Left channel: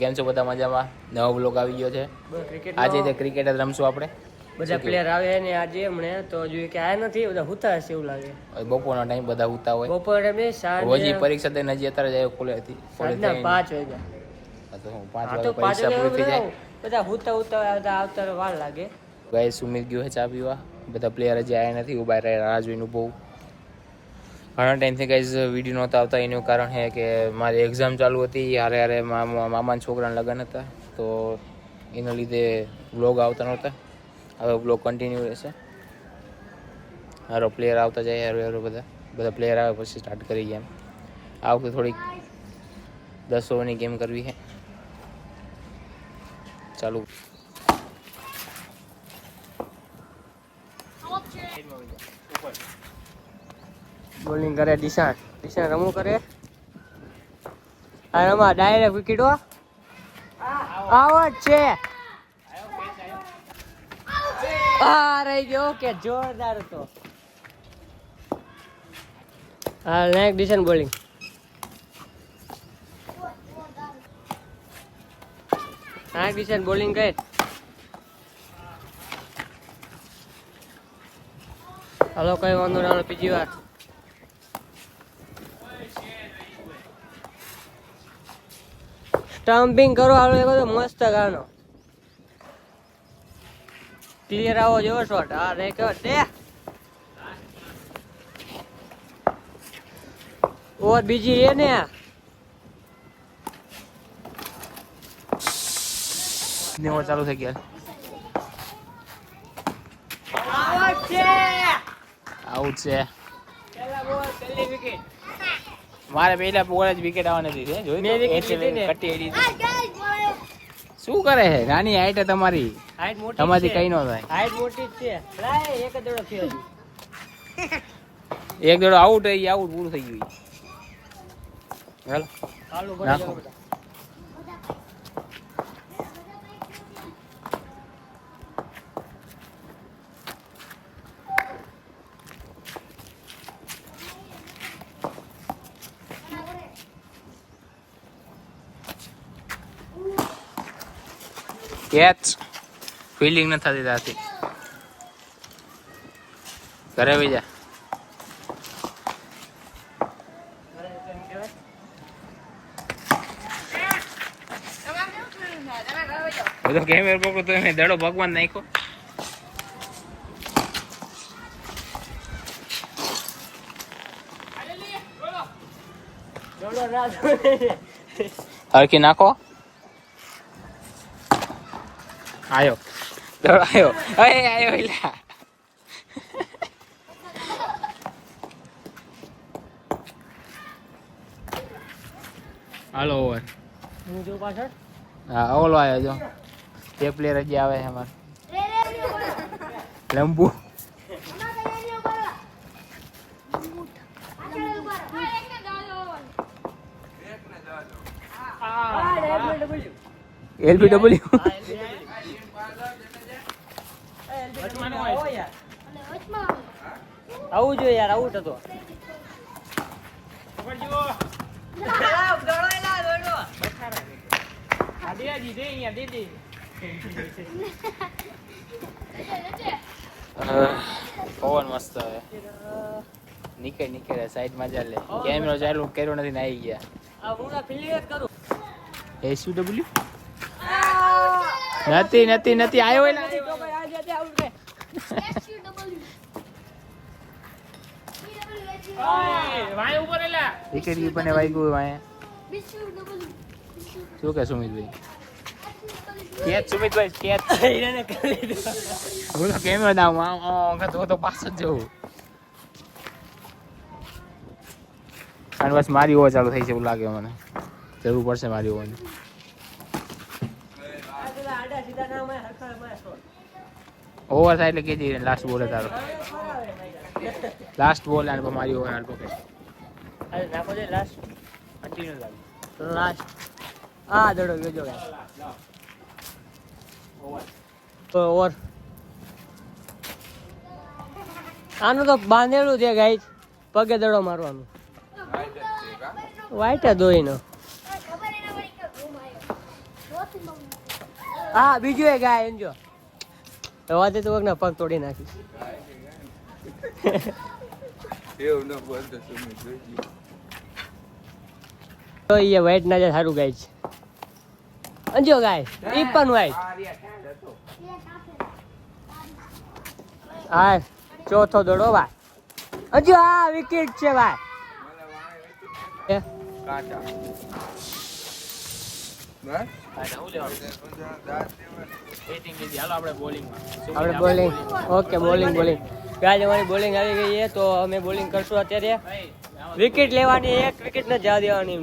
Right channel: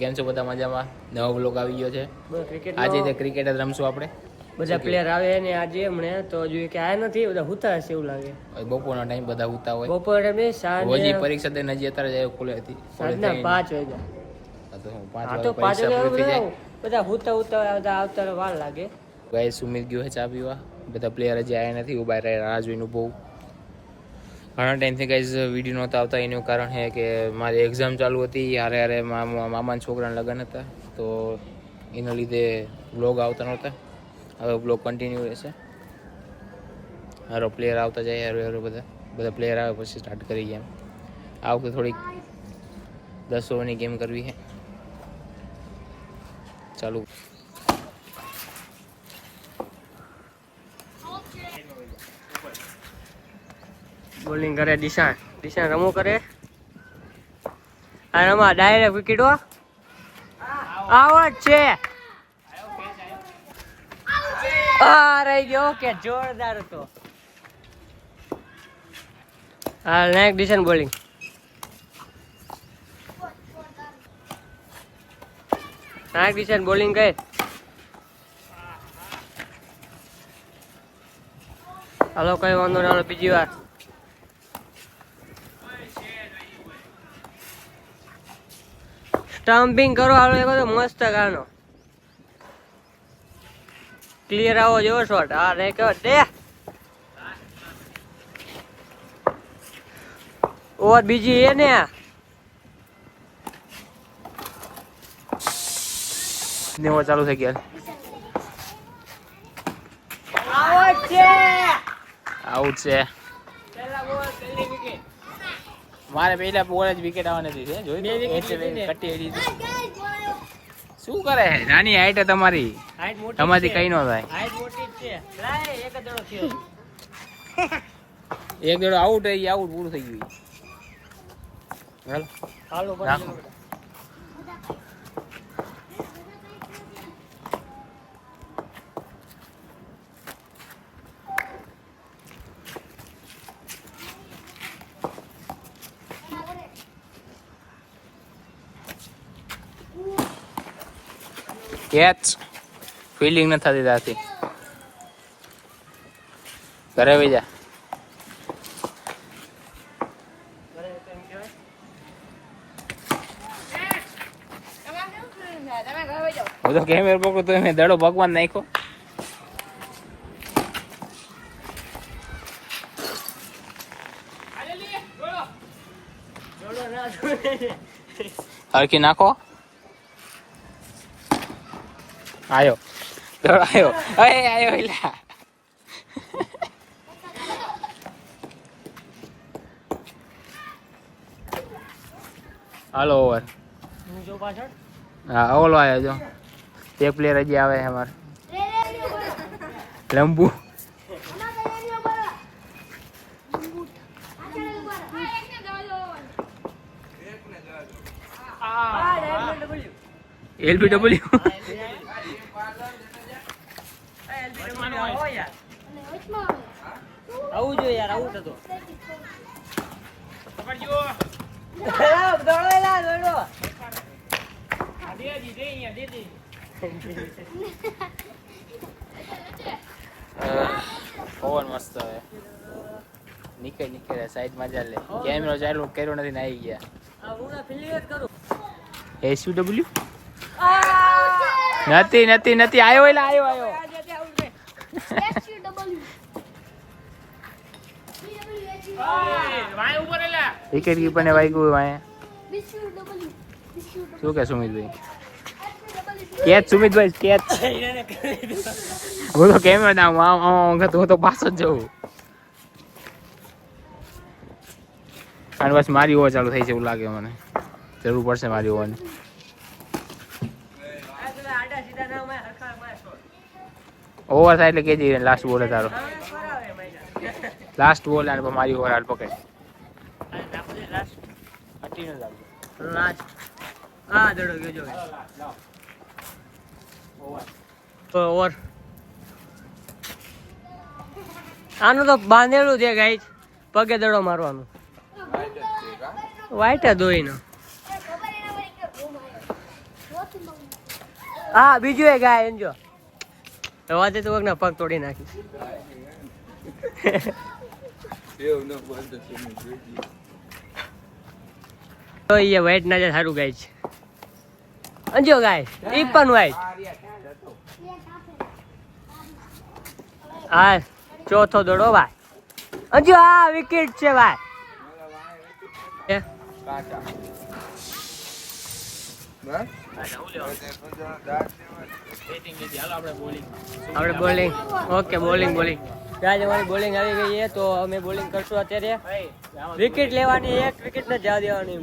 કેમ છો બધા મજામાં? નવો બ્લોગ આવી ગયો છે. આજે તે ક્રિકેટ જ રમશું આપણે. બધા પ્લેયર આવે ને આજે હમણે તો જોઈએ કે આ નથી બધા હુતા હશે એવું લાગે. બપોરનો ટાઈમ બધા હુતા હોય. બપોરે મેં સાંજે હજી પરીક્ષા દઈને હજી અત્યારે જાય કોલેજ હતી. કોલેજ 5 વાગ્યા. તો હું 5 વાગે પરીક્ષા પૂરી થઈ જાય. બધા હુતા આવતા વાર લાગે. ગાઈસ સુમિત ગયો છે ચા પીવા. બધા પ્લેયર હજી આવ્યા નથી. ઉભા રહે રાહ જોઈને બહુ ઘણા ટાઈમથી ગાઈસ વિડીયો નહોતા આવતા. એનું કારણ છે કે મારી એક્ઝામ ચાલુ હતી. હારે મામાના છોકરાના લગ્ન હતા તો એના લીધે બ્લોગ આવતા નહોતા. હવે બ્લોગ કન્ટિન્યુ રહેશે. હારો પ્લેયર આવતા જાય હારો બધા પ્લેયર આવે પછી સ્ટાર્ટ કરી ગેમ. આ વખતે થોડીક 10 ઓવરની ગેમ કરવી છે. ચાલુ. બોલિંગ કરે દિશાન રમો કરે અને આમાં ડાયરેક્ટ વિકેટો આવાજ છે. રહી ગયો કે જોરદાર હતો. હા નેક્સ્ટ દિશાન બોલિંગ. નેક્સ્ટ દિશાન બોલિંગ કરે. હાલો કઈ વાંધો ના બીજી વાર. સ્ટમ્પિંગ કરો હાલો એક મસ્ત ગાનો ક્લિયર આવો જેવો શોટ. હા રે કેવો દે ઓર બીજી એ ને નેવો ચાલુ થઈ ગયા. આઉટ છે. મારે પહેલા બોલ જ વિકેટ આવવાની હતી. જોઈ શું કરે છે? નાની હાઈટ તમારી તમારી કઈ નો થાય. એક દડો આઉટ થઈ આઉટ પૂરું થઈ ગયું. હાલો કેચ ફિલ્ડિંગ ન થતી ત્યાંથી ઘરે વહી જા. બધો કેમેરો પકડો તો એને દડો ભગવાન નાખ્યો. હરખી નાખો. આયો આયો આયો એલા. હાલો ઓવર. હા ઓલો આવ્યો જો. એક પ્લેયર હજી આવે છે અમારે લંબુ. LBW આવું જોઈએ યાર. આવું હતો પવન મસ્ત હવે નીકળે સાઈડ માં ચાલે. કેમેરો ચાલુ કર્યો નથી ને આવી ગયા. SUW નથી આયો એલા આયો. વિકેટ કીપર ને વાગ્યું વાય. શું કે સુમિતભાઈ? Catch સુમિતભાઈ catch. હું તો કેમેરો ના હું તો પાછો જ જઉં. અને બસ મારી ઓવર ચાલુ થઈ છે એવું લાગે મને. જરૂર પડશે મારી ઓવરની. ઓવર થાય એટલે કેજી લાસ્ટ બોલ તારો. લાસ્ટ બોલ અને મારી ઓવર હાલ પકડ. લાસ્ટ આ દડો ગયો જો ઓવર. આનું તો બાંધેલું છે ગાઈસ. પગે દડો મારવાનું. વાઈટ દોઈ નો હા બીજું એ ગાય એમ જો વાતે તો વગના પગ તોડી નાખી તો એ વાઈટ ના જાય સારું ગાય છે અંજો ગાય ઈ પણ વાઈટ હા ચોથો દોડો ભાઈ અંજો આ વિકેટ છે ભાઈ આપણે બોલિંગ ઓકે બોલિંગ ગાય અમારી બોલિંગ આવી ગઈ છે તો અમે બોલિંગ કરશું અત્યારે વિકેટ લેવાની એક વિકેટ ને જવા દેવાની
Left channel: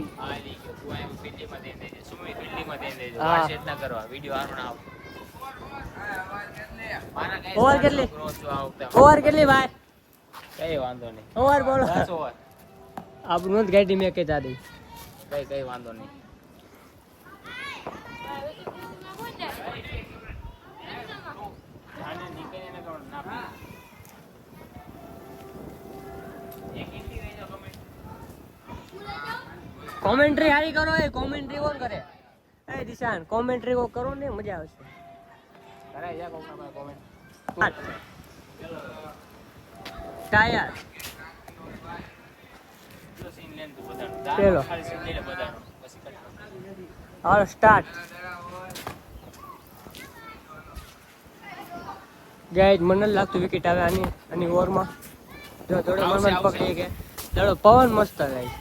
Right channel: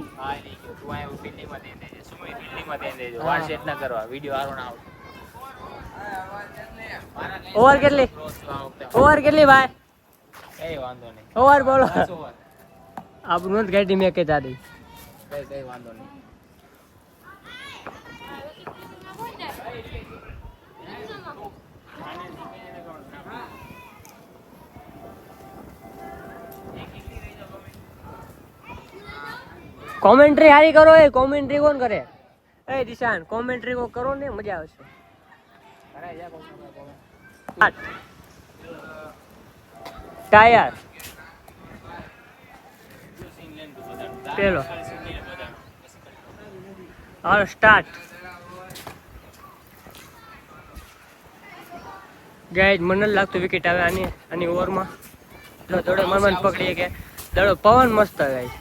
ઓવર કેટલી ભાઈ ઓવર બોલો આપણું જ ગાડી મેં કહેતા દઈ કઈ વાંધો નહીં કોમેન્ટ્રી હારી કરો એ કોમેન્ટ્રી કોણ કરે એ દિશાન કોમેન્ટ્રી કો કરો ને મજા આવશે ટાયર પેલો હાલો સ્ટાર્ટ ગાઈડ મને નથી લાગતું વિકેટ આવે આની ઓવરમાં દડો મન પકડીએ કે દડો પવન મસ્ત ગાય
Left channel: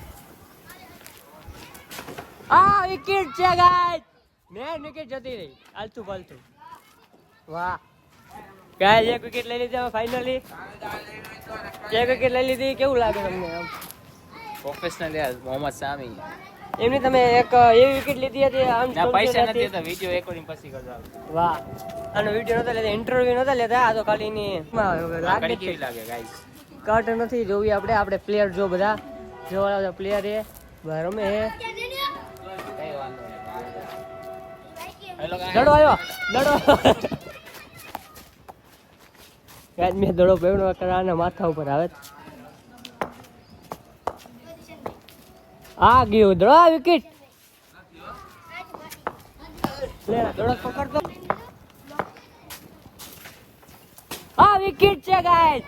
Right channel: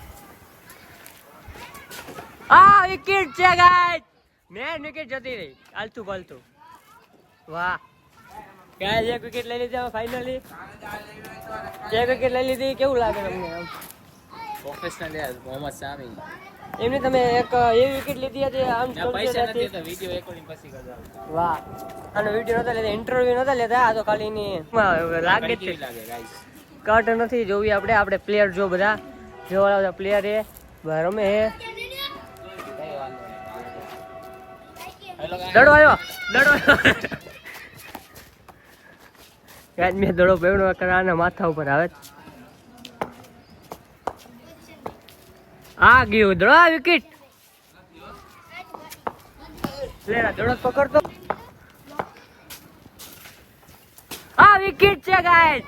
આ વિકેટ છે ગાઈડ મેન વિકેટ જતી રહી આલતું પાલતું વાહ ગાઈડ એક વિકેટ લઈ લીધી ફાઇનલી એક વિકેટ લઈ લીધી કેવું લાગે તમને આમ પ્રોફેશનલ યાર મોહમ્મદ સામી એમની તમે એક એવી વિકેટ લીધી હતી આમ પૈસા નથી તો વિડિયો રેકોર્ડિંગ પછી કરજો વાહ અને વિડિયો નતા લેતા ઇન્ટરવ્યુ નતા લેતા આ તો ખાલી ની લાગે કેવી લાગે ગાઈસ કટ નથી જોવી આપણે પ્લેયર જો બધા જોવાળા બધા પ્લેયર એ રમે હે દડો આવ્યો ગાઈસ મેં દડો પેવડો કરાના માથા ઉપર આવે આ ગયો દડો વિકેટ લે દડો પકડતો આ વિકેટ છે ગાઈસ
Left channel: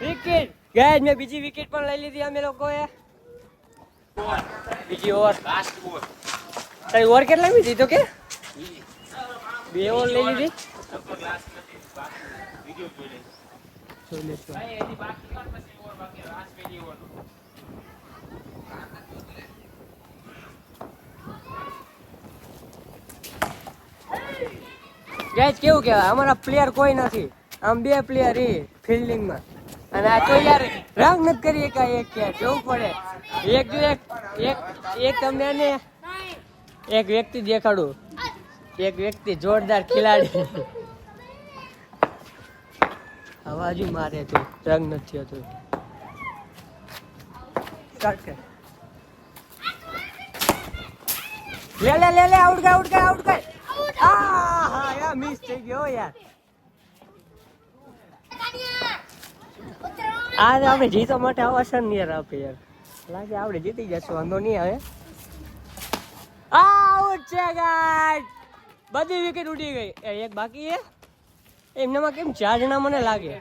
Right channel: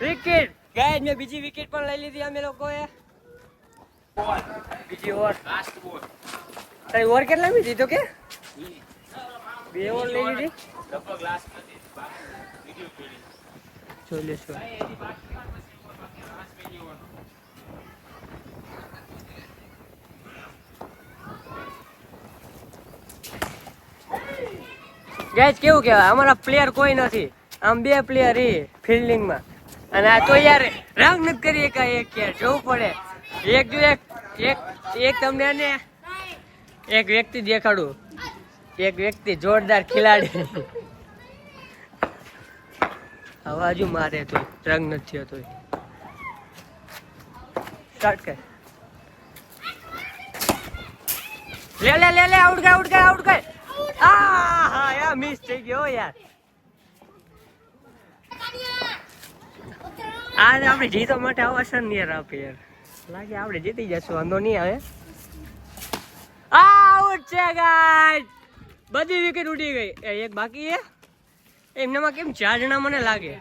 વિકેટ ગાઈસ મેં બીજી વિકેટ પણ લઈ લીધી અમે લોકોએ બીજી ઓવર લાસ્ટ બોલ તારી ઓવર કેટલા મી દીધો કે બે ઓવર લઈ લીધી લગભગ લાસ્ટ નથી વિડિયો ફીલિંગ તો લેસો ભાઈ એની બાકી ઓવર પછી ઓવર બાકી લાસ્ટ પેલી ઓવર ગાઈસ કેવું કહેવાય અમારા પ્લેયર કોઈ નથી આમ બે પ્લેયર એ ફિલ્ડિંગમાં અને આ તો યાર રંગ નથી કરી એક યાર જોવું પડે એક તમને ને એક વ્યક્તિ દેખાડું એક વ્યક્તિ જોરદાર ખેલાડી અવાજ મારે તો રંગ નથી થયો સ્ટાર્ટ કર લે આઉટ ગઈ હા યાર મિસ થઈ ગયો યાર આજે આપણે જીતવા માટે અવસર નહીં યાર આપે યાર લાગે આપણે જીતી જશું વાંધો નહીં આવે આઉટ છે ગાઈસ બધી વિકેટ ઉડી ગઈ એક બાકી છે એમનામાં કેમ 4 જણા મને લાગે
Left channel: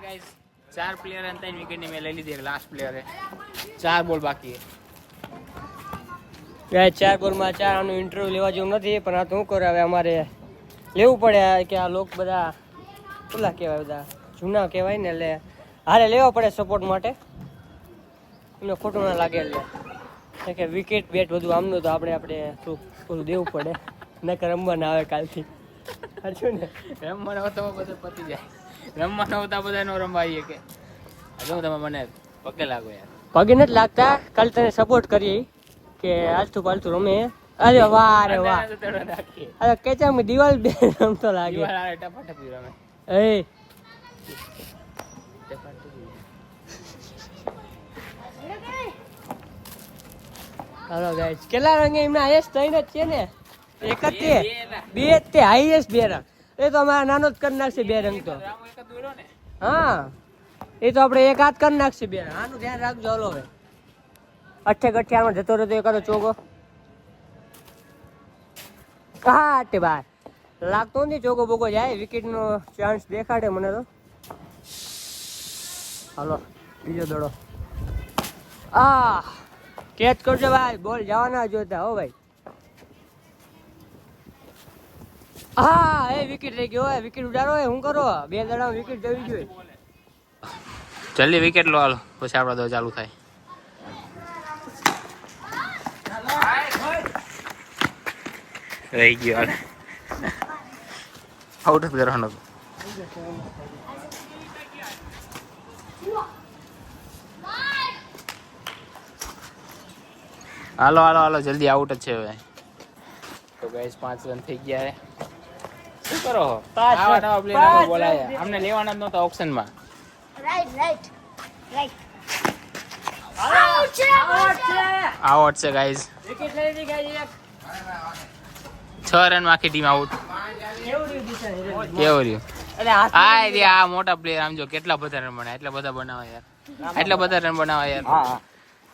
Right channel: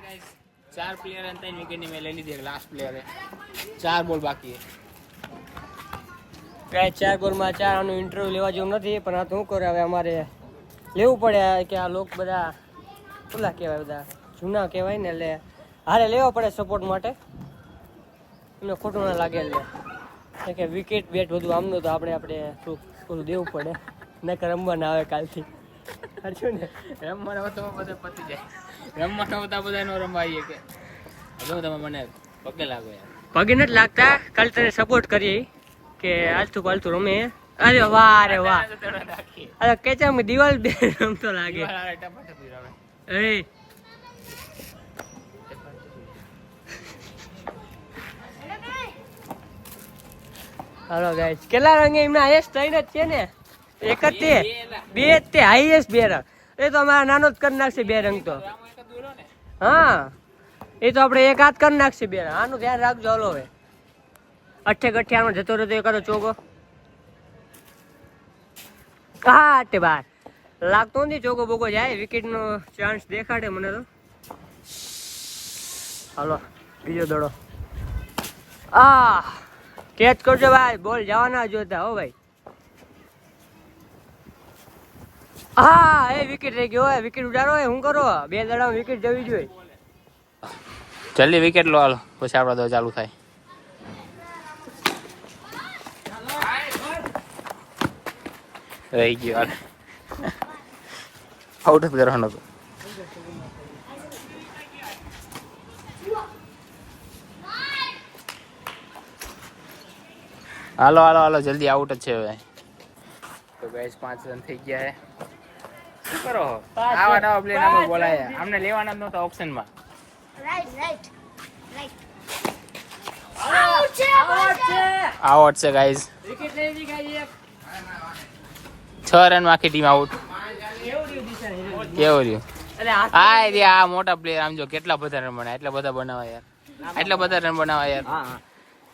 4 પ્લેયર અને 3 વિકેટ ની મેં લઈ લીધી લાસ્ટ પ્લેયર હે 4 બોલ બાકી હે 4 બોલમાં 4 આનું ઇન્ટરવ્યુ લેવા જેવું નથી પણ આ તો શું કરે હવે અમારે લેવું પડે કે આ લોકો બધા પેલા કહેવાય બધા જૂના કહેવાય ને એટલે હારે લેવા પડે સપોર્ટ માટે એમને ખોટું ના લાગે એટલે કે વિકેટ બેટ બધું આમનું તો આપણે થોડું દેવું પડે નકર રમવા ના આવે કાલથી સાચું ને રમવાનો તો બધે પતી જાય રમવાનો તો બધાનો રમાઈએ કે જો તમે મને પગે લાગો યાર પગે નથી લાગતા કાલ તને સપોર્ટ કરીએ કે આલતું પાલતું રમે અરે વાહ અરે કેચામ દિવાલ બે રમતો લાગે એ હાલો ગાઈસ કેટલા રંગે એમના હાઈએસ્ટ 3 જ છે ને એક જ તે બે જ તે હાઈએસ્ટ 2 રંગ એ તો અમારા નાનો જ કરી નાખશે 2 રંગ તો હા એ તો આપણે એક હાથ કરી નાખશે 2 રંગ આનું ધ્યાન રાખજો હાલો હવે અઠે ગઠિયાનો જતો રહેતો એકાદો ચોગો હા તે બાર લાગતો નથી ચોકો બોકો જાય વિકેટ નો ચાન્સ દેખાડે મને તો હાલો બીજો દડો કેચ કરજો ભાઈ બોલ જવાના જોતા હો ભાઈ એ વિકેટ રહી ગયો વિકેટ ઉડાડો શું કરો 2 દડા વિકેટ જવી જોઈએ જલ્દી વિકેટ લો હાલો પછી આપડા દો ચાલુ થાય રહી ગયો હાલ આઉટ જ કરવાનો હતો હાલો હાલો હાલો જલ્દી આઉટ જ છે હવે તો ગાઈસ 5 રન થઈ ગયા હે શું કરો આવા નવા પ્લેયર આમાં બોલાય આમને લેવાના જ નહોતા ઓપ્શન માં આઉટ છે ગાઈસ વિકેટ લઈ લીધી ગાઈસ 6 રન માં આખી ટીમ આઉટ કેવું રહ્યું આ મોટા પ્લેયર આમ જો કેટલા બધા રન બનાવે એટલા બધા બનાવે યાર એટલા બધા રન બનાવે યાર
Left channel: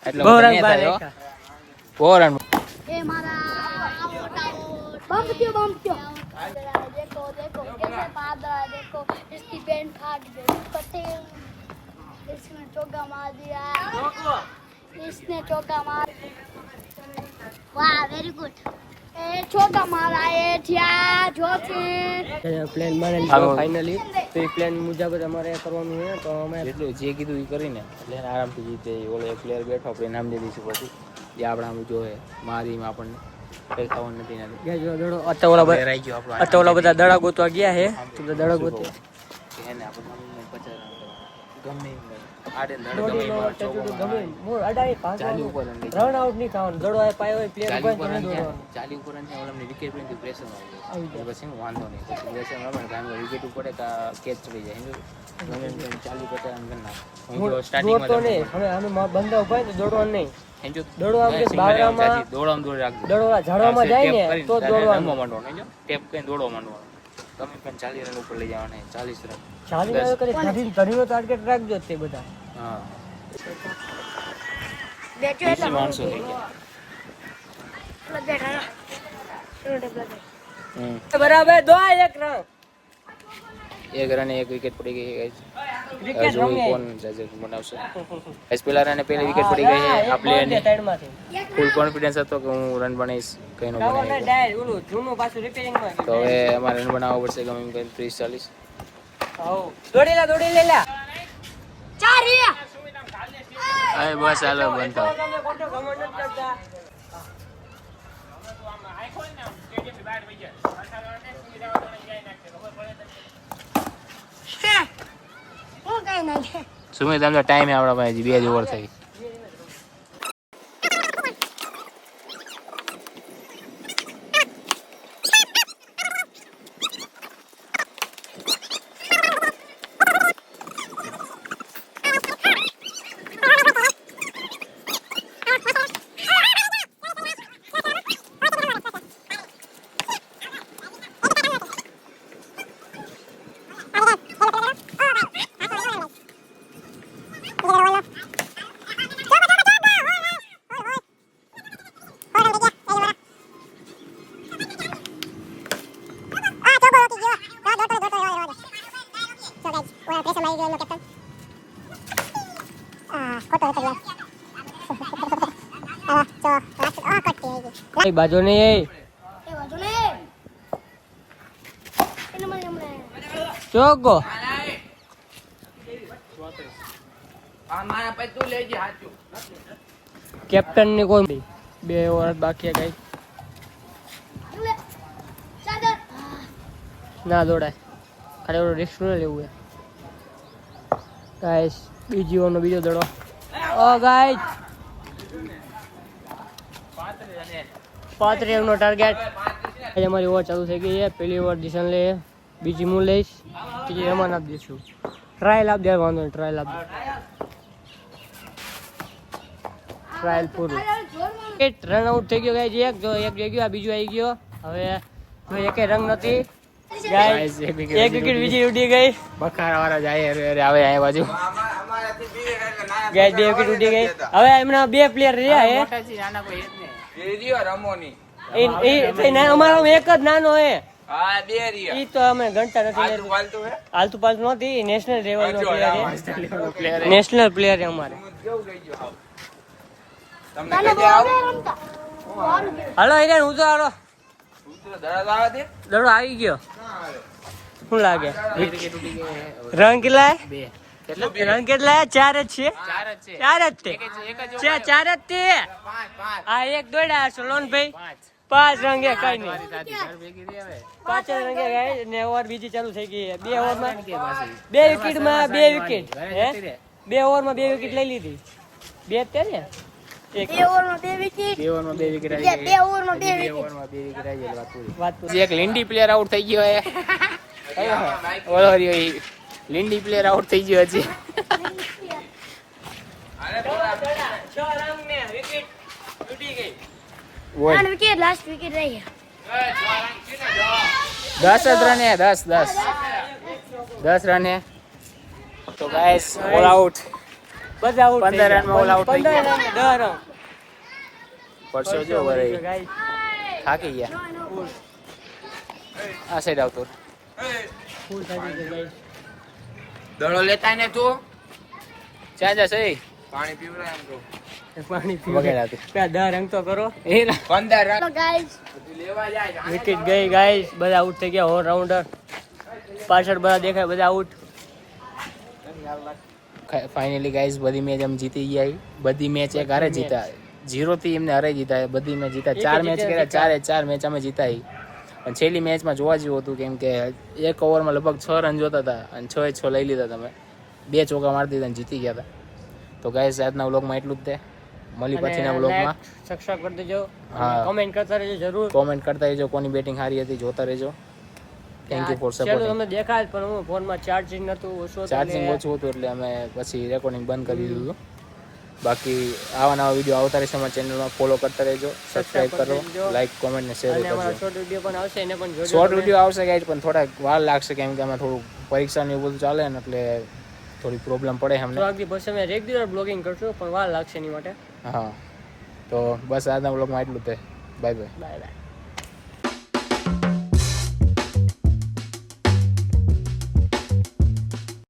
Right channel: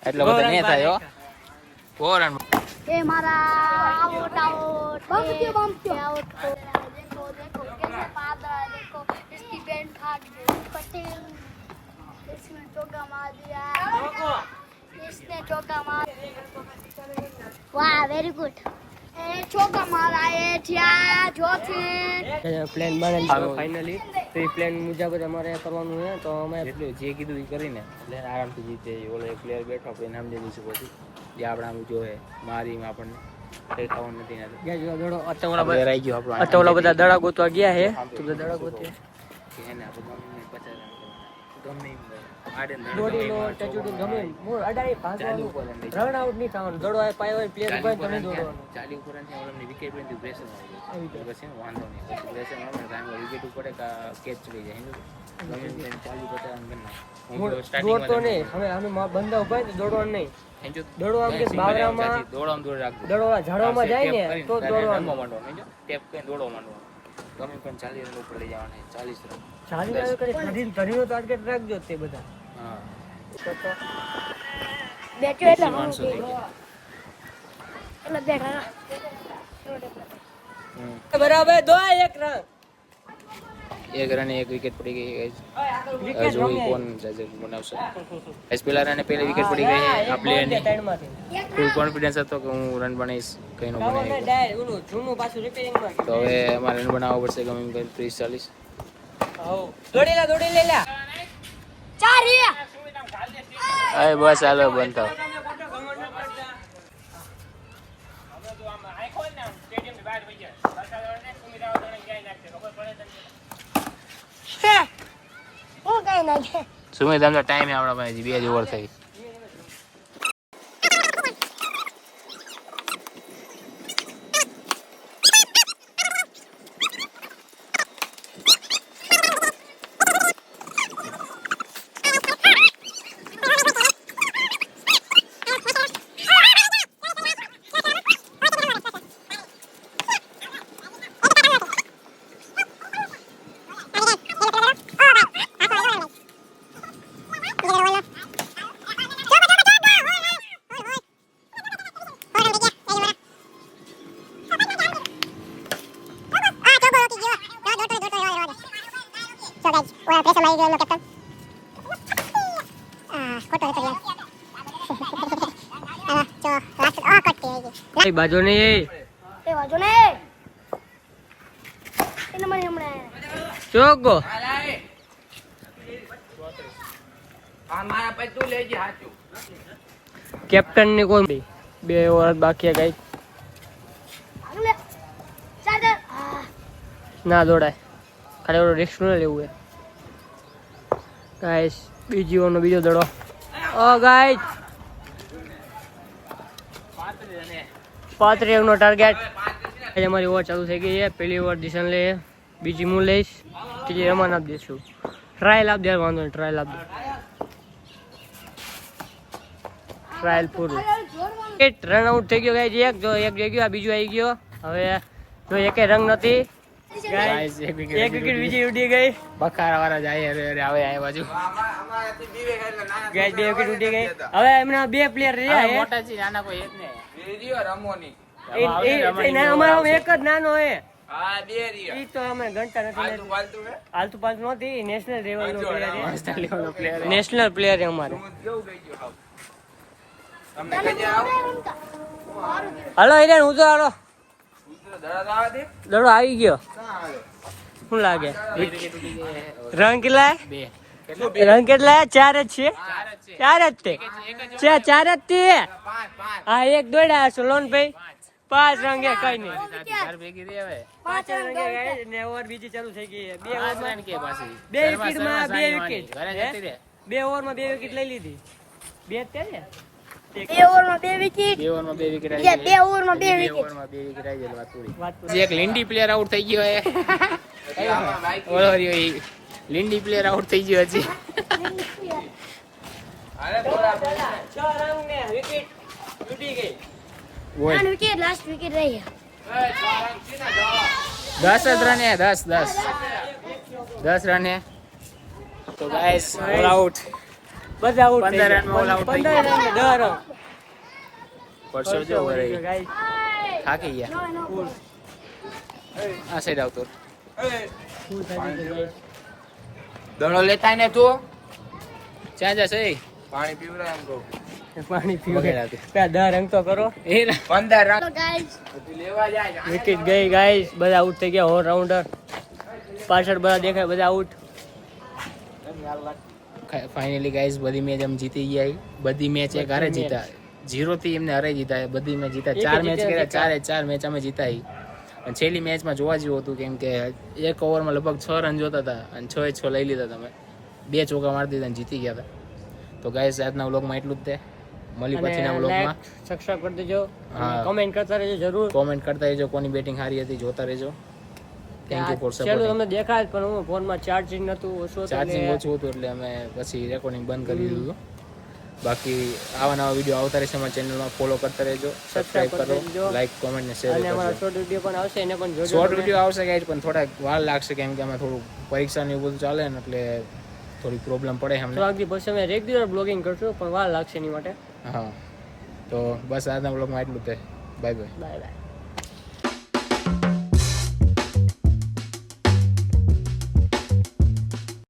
એટલા બધા નહીં થાય હો 4 રન ए मारा आउट आउट बम क्यों देखो कैसे पागल देखो इसकी पैंट फाड़ दी पटेल इसने चौका मार दिया इसने चौका मार वाह वेरी गुड ए चौका मारा ए थिया जोची પ્લાન બનાવી લીધો ફાઇનલી તો એ પ્લાન મુજબ જ અમારે કરવાનું છે તો અમે એટલું જે કીધું એ કરીને એટલે આરામથી જીતે ઓલો પ્લેયર બેઠો આપણે નામ દે દઈશું પછી જે આપણે આમ જોવે મારીમાં આપણને કઈ ખાવાનું નથી નાખી ગાઈસ દડો રહી ગયો આપણો અત્યારે બધા દડા ગોતવા ગયા છે તો બધા દડા ગોતે એને આપણે 50 રન કરવાના ગમે એમ ભાઈ આડે દોડી લો ટચુડું ગમે મોર અડાઈ ભાગવાનું રન આઉટ નહીં થવાનું દડો આ પાયો હોય પ્લેયર ઉભા તો નહીં દોડવાનું ચાલી ઉપર ને ઓલમની વિકેટ પડી પ્રેશર આવી જાય પછી વાંધો નહીં પછી પ્રેશર આવે ને કામ વિકેટ ઉપર કેચ ચડી જાય ગમે એમ 40 50 રન કરના દોડતો નહીં અમે બંદા ઉભા તો દોડવાનું નહીં દડો આમ કે બાવરામાં દોડવામાં દોડ રાખજો દડો ઝાડવામાં જાય ને તો દોડવાનું માંડવાનું ટેપ કરીને દોડવા માંડવાનું ગમે પણ 40 રન ઉપર લઈ જવાના 40 રન ચાલી આવે કરે ધરીનો ટાર્ગેટ રાખજો તે બધા હા બેઠો એટલે 500 થઈ ગયા બેઠા બરાબર દો એક રન એક રને એક વિકેટ પડી ગઈ ગાઈસ જોઈ કોણ જજે બનાવશે એસ પેલા રને પહેલી વિકેટ પડી ગઈ છે આ પ્લેયરની ફૂલ કોન્ફિડન્સ હતો કે હું રન બનાવીશ કઈ નો બનાવી તો હવે અમારે રન બનાવવો પડશે ગમે એમ કરીને 30 40 દોડી લે ચાર રહ્યા અરે બસ હાલો બંધ થાવ હું કઈ નહીં સુમિત તમને ટાઈમ આપણા પાસે 2 જ ઓવર થઈ બાજુ નહીં એ વાંધો ને એને મને હમણાં ચોગો કેપ્ટન ની કોણ 2 ઓવર બાકી ગઈ હાલે ચાદર ના દોડાય ખાલી ઓલો રિસ્ક ન લેવું ગાઈસ બીજી ઓવરનો બીજો દડો ગાઈસ 35 રનનો ટાર્ગેટ આજે અમારી ઓવર ચાલુ થઈ ગઈ છે પહેલી ઓવર દિશન લે બીજી હું લઈશ ત્રીજી રમાન આપી દઈશું ટ્રાયલ આપી દે વાંધો નહીં ટ્રાયલ આપી દે ટ્રાયલ પૂરું 8 રન આઉટ થઈ ગયો ગાઈસ એક જઈ ગયો આ બીજું આવી ગયો હવે જો એકે રંગ નથી ગાઈસ એક વિકેટ બીજી ઉડી ગઈ બખારા વાળા જાય અરે આવે આ બાજુ ગાઈસ 2 વિકેટ ઉડી ગઈ હવે એમના 2 પ્લેયર રહ્યા હે મોટા છે નાના કોઈ હેત ને વિડિયો રમોની અમારો એક જ નાનો હે હા બે રહ્યા ઈ તો અમે ગણતા નથી ફાલતુ હે હાલતું પાલતું નથી નેશનલ લેવલનો પ્લેયર પ્લેયર છે નેશનલ પ્લેયર છે અમારે કેવું ગઈ ગયો હાવ તમને કઈ દે આવ હાલો હિરેન હું તો હાલો દડા લાવા દે દડો આવી ગયો શું લાગે રંગ કેટલા બે રંગ કેટલા ચાર જ છે ચાર જ છે ચાર જ છે ચાર જ છે હા એક દોડા સોલોન ભાઈ પાંચ રંગે કઈ નહીં ભેગી રે હવે પાંચ જ રંગે ગઈ ને ઓવર બીજી ચાલુ થઈ ગઈ બે ઓવરમાં કે પાછી બે વિકેટમાં બે વિકેટ ઘરે જતી રે બે ઓવરમાં બે વિકેટ લઈ લીધી બે જ તે ને એક બે ઓવરમાં 2 વિકેટ બે ઓવરમાં બે વિકેટ આવી ગઈ બે ઓવરમાં 2 બે વિકેટ ઓવરમાં બે વિકેટ આવી ગઈ વાત પૂરી વાત જે એક લીંડી પ્લેયર આઉટ થઈ ગયો હે ઓલો રહ્યો ઈ લીંડી પ્લેયર આઉટ થઈ ગયો હજી છ રંગ ને વિકેટ તૂટી ગઈ બોલ આન વિકેટ લાસ્ટ વિકેટ રહી 10 જ રન હે 10 રન હે તો ગાઈસ ઓલ આઉટ બધા આઉટ 15 રનમાં ઓલ આઉટ થઈ 15 ગયા રન 10 રન પરસો જો વરે ગાઈસ થાકી ગયા આ સાઈડ આવતો ફૂલ થઈ ગઈ ગાઈસ દડો લેતા ને તું ક્યાં જશે પાણી પીવડા એમ કહું પાણી વગેરે હતું. પીવા 10 રન તો કરો 15 રન તો ગાઈસ લેવા જાય વિકેટ ગઈ ગાઈસ બધા આઉટ થઈ ગયા ઓલ રાઉન્ડર પાછળ બધા દેખાય બધા આઉટ ફાઇનલી ગાઈસ બધી મેચ એમ જીતી ગયા બધી મેચ એક હારે જીતા 0 થી એમને હારે જીતા બધી મેચ જીતા 4 મેચ કર્યા ચારે 4 મેચ અમે જીતા અને છેલ્લી મેચમાં જોવા જેવું હતું કેમ કે એક ઓવરમાં લગભગ 6 રન જોતા હતા અને 6 એ 6 લઈ લીધા તમે 2 ચોકા મારી દીધા અને જીતી ગયા હતા તો ગાઈસ આજના વ્લોગમાં એટલું જ તે મળી પછીના વ્લોગમાં સબસ્ક્રાઇબ કરી દેજો હા. કમેન્ટ કરતા રહેજો જરૂર કોમેન્ટ કરતા રહેજો કોની બેટિંગ સારી હતી જોતા રહેજો થેન્ક યુ ફોર ચાલો સપોર્ટિંગ તમને દેખાય પણ હું ફોનમાં ચાર્જિંગ નતું ઓછું હતું ચાર્જિંગ એટલે ઓછું હતું એટલે અમે પછી રેકોર્ડિંગ બંધ કરી દીધું હતું બાકી આવા નવા વિડીયો આવતા રહેશે અમારા ચેનલમાં ફોલો કરતા રહેજો સબસ્ક્રાઇબ કરો દેજો. લાઈક કોમેન્ટ ને શેર અને અમારા કરજો શોર્ટ વિડીયો પણ આવશે એને પણ જોજો શોર્ટ તમે. વિડીયો આવશે ગાઈડ પણ થોડા વાર લાગશે કેમ કે અમે થોડું પરીક્ષા ને એવું બધું ચાલે ને એટલે થોડી પ્રોબ્લેમ પડે અમને થોડાક દી પછી અમે રેગ્યુલર બ્લોગિંગ કરશું પણ વાર લાગશે એની માટે હા તો બસ આજના બ્લોગમાં એટલું જ તે બાય બાય બાય બાય